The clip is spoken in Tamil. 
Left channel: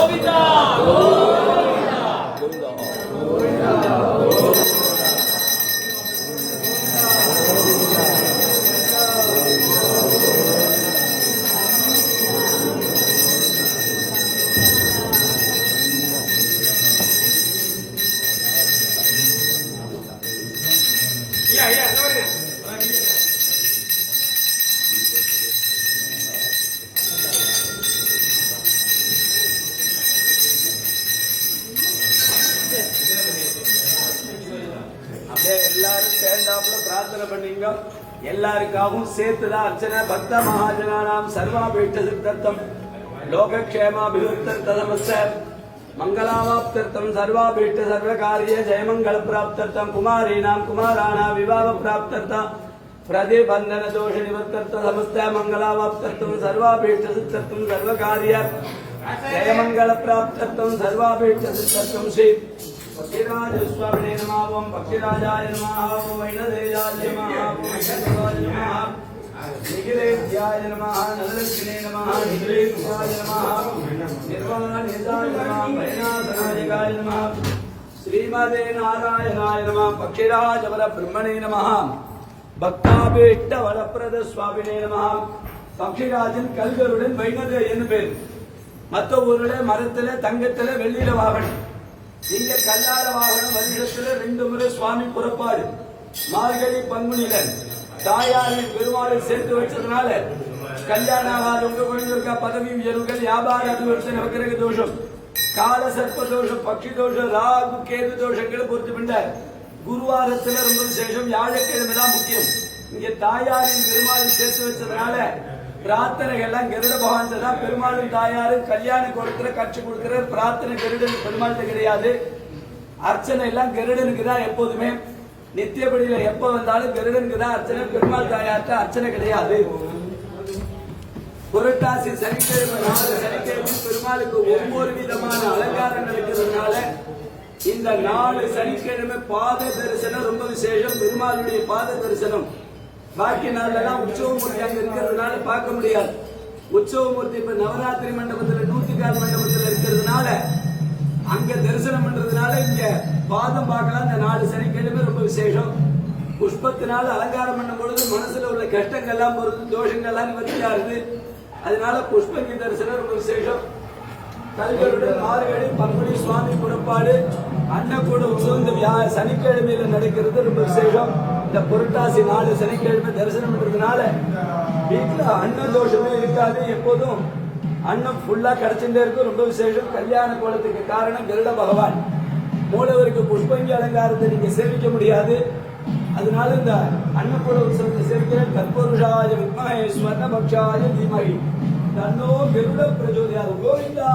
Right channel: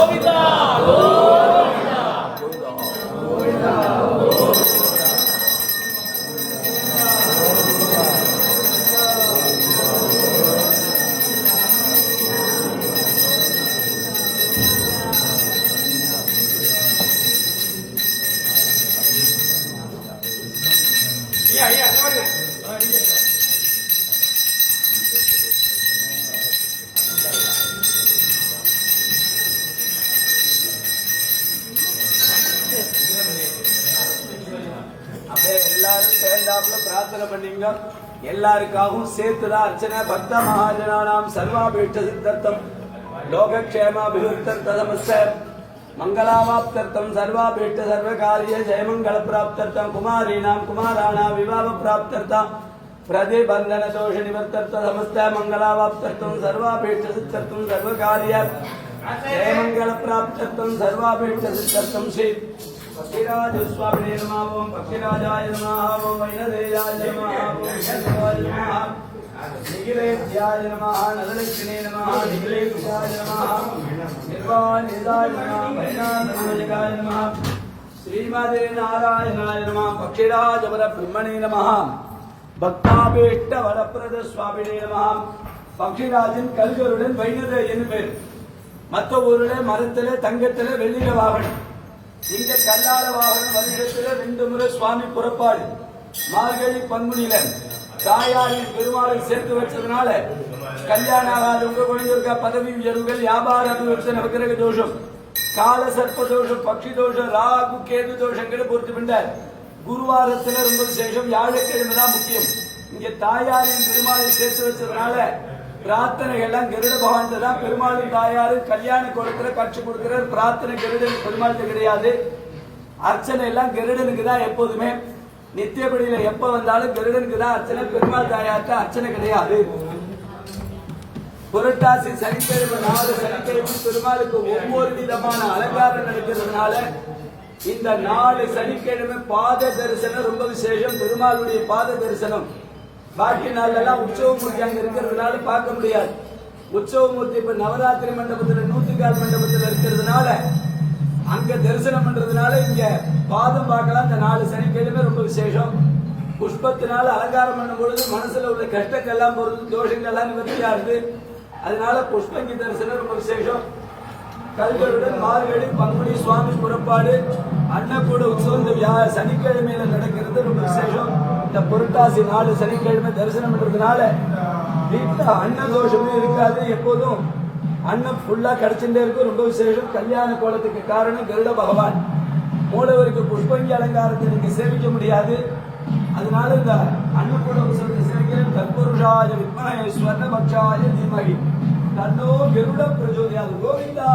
고민다 고민다 고민다 고민다 Yeah, yeah, no, yeah. ஏதாப்புல பிரார்த்தனை பண்ணீங்க. எல்லாருக்காகவும் சேர்த்துதான் அர்ச்சனை. பக்த மகாஜனானாம் சர்வாபீஷ்ட சித்தர்த்தம். லோகக்ஷேமாபிவிருத்தர்த்தமஸ்ய மங்களாவாப்தர்த்தம் சர்வாபீட்ட சர்வ காரிய ஜெயமங்கள பிராப்தர்த்தம் குமாரீனாம் குமாராணாம் விவாக பிராப்தர்த்தம் பிரதிபந்தன தோஷ நிவர்த்தர்த்த சமஸ்த மங்களாவாப்தர்த்தம் சர்வாபீஷ்ட சித்தர்த்தம் சர்வகாரிய ஜெயமங்கள பிராப்தர்த்தம் சர்வாபீஷ்ட சித்தர்த்தம் ஸ்ரீ பக்திராஜ சுவாமினே நமः ஓம் பக்திராஜாய நமः ஓம் வைணதேயாய நமः ஓம் வைணவாய நமः நிகிலேத்யாய நமः நலலட்சுமி நிர்வாணிதாய நமः வைநாதநாயகாய நமः ஸ்ரீமதே நாராயணாய நமः பக்திராஜ பிரம்மணே வரப்பிரத சுவாமினே கல்கருடன் பேர். மற்ற ஊர்ல மரத்துல தங்கத்துல வெள்ளியில வாகனம். இந்த கல்லார வாகனம் வருஷத்துல ரெண்டு முறை சுவாமி புறப்பாடு. மார்கழி பங்குனிலன் தாயாரின் பெருமாளை சேர்த்து வச்சதுனால கல்யாணம் ஆகாத உங்க குழந்தைங்க பதவி உயர்வுகள் வியாபார அபிவிருத்தி நவகிரக தோஷம் கால சர்ப்ப தோஷம் பக்ஷி தோஷம் ராகு கேது தோஷங்களை பொறுத்து பண்ணார் குருவாரத்துல ரொம்ப விசேஷம் வியாழக்கிழமை தான் முக்கியம். இங்க தாயாரின் பெருமாளை சேர்த்து வச்சதுனால பிரார்த்தனைகள்லாம் கருட பகவான் தான் பெருமாளும் தாயாரும் கல்யாண கோலத்துல கட்சி கொடுக்கிறார். பிரார்த்தனை கருடன் பெருமாள்கிட்ட கிடையாது. அர்ச்சனை எல்லாம் கருடனுக்கு தான் எப்போதுமே. நித்தியபடியில எப்ப வந்தாலும் கருடனுக்கு தான் அர்ச்சனை. பெருமாள் தாயார்ட்ட அர்ச்சனை கிடையாது. புரட்டாசி சனிக்கிழமை நாலு சனிக்கிழமை பெருமாளுக்கு ஒவ்வொரு விதமான அலங்காரம் இருக்கிறதுனால இந்த நாலு சனிக்கிழமை பாத தரிசனம் ரொம்ப விசேஷம். பெருமாளுடைய பாத தரிசனம். பாக்கி நாள்லாம் உற்சவமூர்த்தி அங்க இருக்கிறதுனால பார்க்க முடியாது. உற்சவமூர்த்தி இப்ப நவராத்திரி மண்டபத்துல நூத்துக்கால் மண்டபத்துல இருக்கிறதுனால அங்க தரிசனம் பண்றதுனால இங்க பாதம் பார்க்கலாம். இந்த நாலு சனிக்கிழமை ரொம்ப விசேஷம். புஷ்பத்தினால அலங்காரம் பண்ணும் பொழுது மனசுல உள்ள கஷ்டங்கள் எல்லாம் போறது தோஷங்கள் எல்லாம் நிவர்த்தியா இருக்கு. அதனால புஷ்பங்கி தரிசனம் ரொம்ப விசேஷம். கல்களுடன் மார்கழி பங்குனி சுவாமி புறப்பாடு அன்னக்கூட உற்சவங்கள் யார் சனிக்கிழமையில நடக்கிறது ரொம்ப விசேஷம். இந்த புரட்டாசி நாலு சனிக்கிழமை தரிசனம் பண்றதுனால வீட்டுல அன்ன தோஷமும் இருக்காது எப்போதும். அன்னம் ஃபுல்லா கிடைச்சுட்டே இருக்கும். ரொம்ப விசேஷம். கல்யாண கோலத்துக்கு காரணம் கருட பகவான். மூலவருக்கு புஷ்பங்கி அலங்காரத்தை நீங்க சேமிக்க முடியாது. அதனால இந்த அன்னபூர உற்சவத்தை சேர்க்கிற கற்பூருஷாய வித்மகே ஸ்வர்ணபக்ஷாய தீமகி. தன்னோ கருட பிரஜோதியாது கோவிந்தா